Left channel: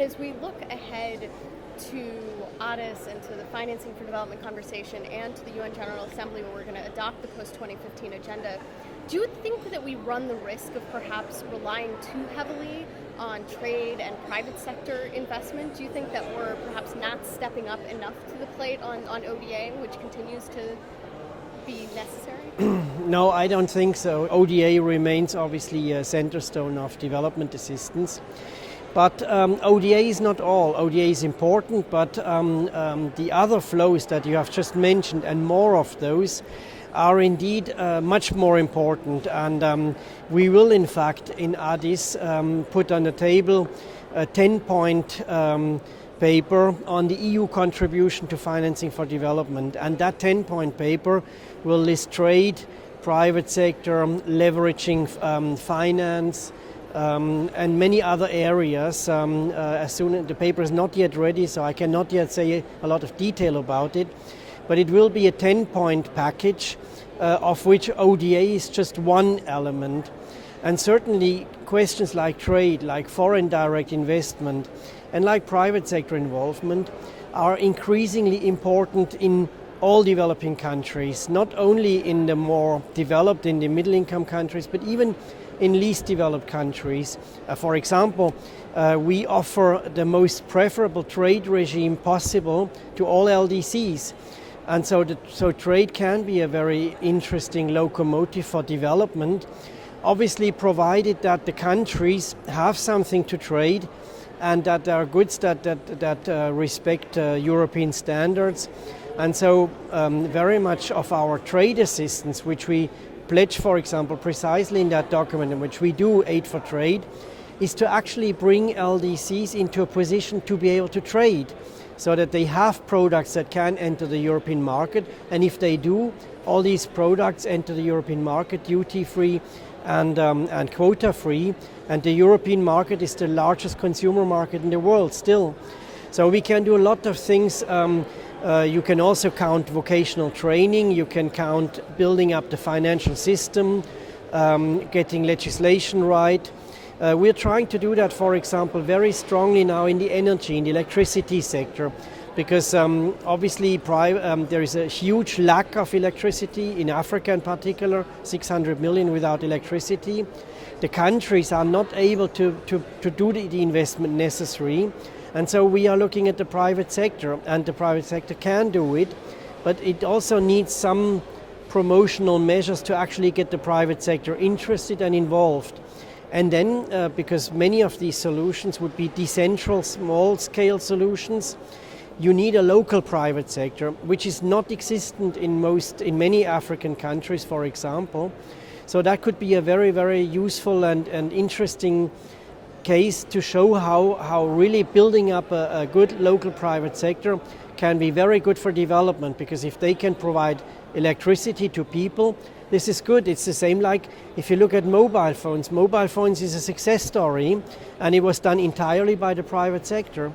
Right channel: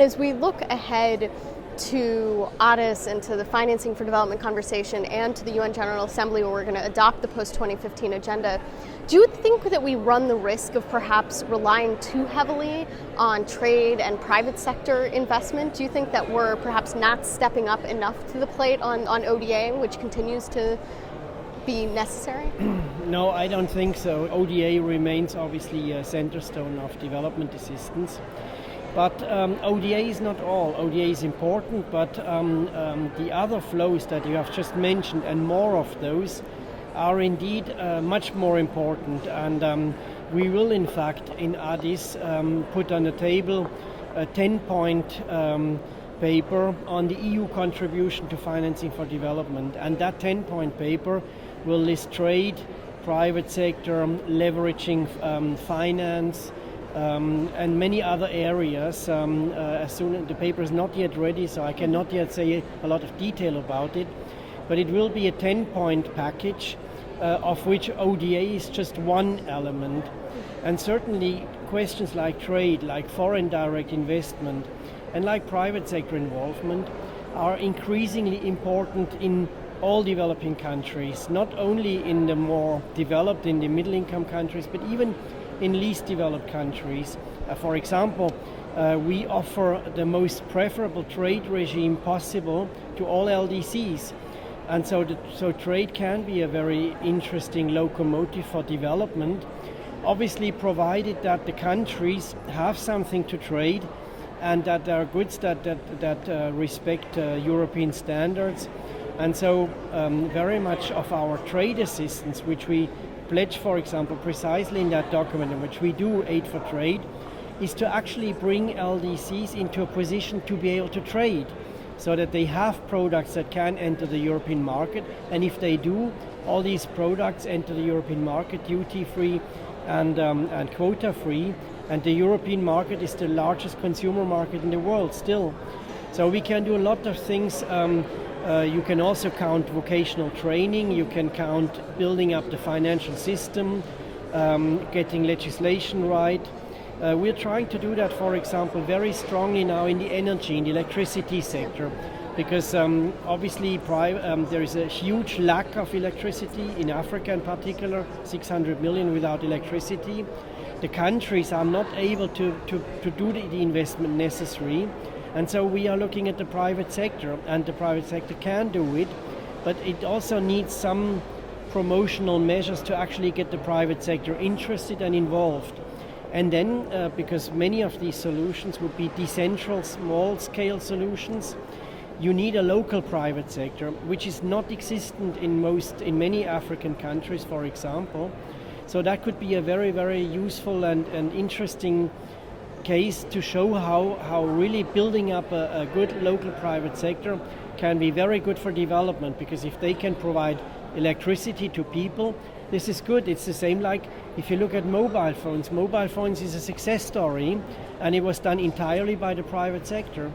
As we look ahead to Addis and to the financing for development conversation and to the UN General Assembly where we're going to adopt the post-2015 agenda, do you think that we run the risk of perhaps relying too heavily on trade and private sector investment? Do you think that we're perhaps not stepping up enough to the plate on ODA, which continues to be necessary? No, I don't think so. ODA remains obviously a centerstone of development assistance. But ODA is not all. ODA is important, but the other flows that you have just mentioned and more of those are indeed much more important. And we will, in fact, in Addis put on the table a 10-point paper on the EU contribution to financing for development. And that 10-point paper will list trade, private sector, leveraging finance, and many other areas. As soon as the paper is not yet ready, so I cannot yet say a lot of detail about it, but it will be a 10-point package of which ODA is just one element. And certainly questions like trade, like foreign direct investment, and like private sector involvement are increasingly important in all developing countries, not only in the more developed, in the middle income countries, but even in least developed countries. For example, we offer the most preferable trade regime possible to all LDCs. And so trade can be a very interesting locomotive for development, obviously provided that the countries have something to trade and that there are goods that respect European standards. And so very much of our trade assistance, which we pledge, for example, precisely in that document in which we do aid for trade, is to actually bring LDCs into a position to be able to trade so that they have products that can enter the European market. And if they do, all these products enter the European market duty-free and quota-free. And the European market is the largest consumer market in the world still. So we can do a lot of things. You can also count vocational training, you can count building up the financial system, getting legislation right. We're trying to do that, for example, very strongly now in the energy, in the electricity sector, because obviously there is a huge lack of electricity in Africa in particular, 600 million without electricity. The countries are not able to do the investment necessary. And so we are looking at the private sector, and the private sector can do it, but it also needs some promotional measures to actually get the private sector interested and involved. And then, because many of these solutions would be decentral, small-scale solutions, you need a local private sector, which is not existent in many African countries, for example. So that could be a very, very useful and interesting case to show how really building up a good local private sector can be very good for development, because if they can provide electricity to people, this is good. It's the same like if you look at mobile phones. Mobile phones is a success story, and it was done entirely by the private sector.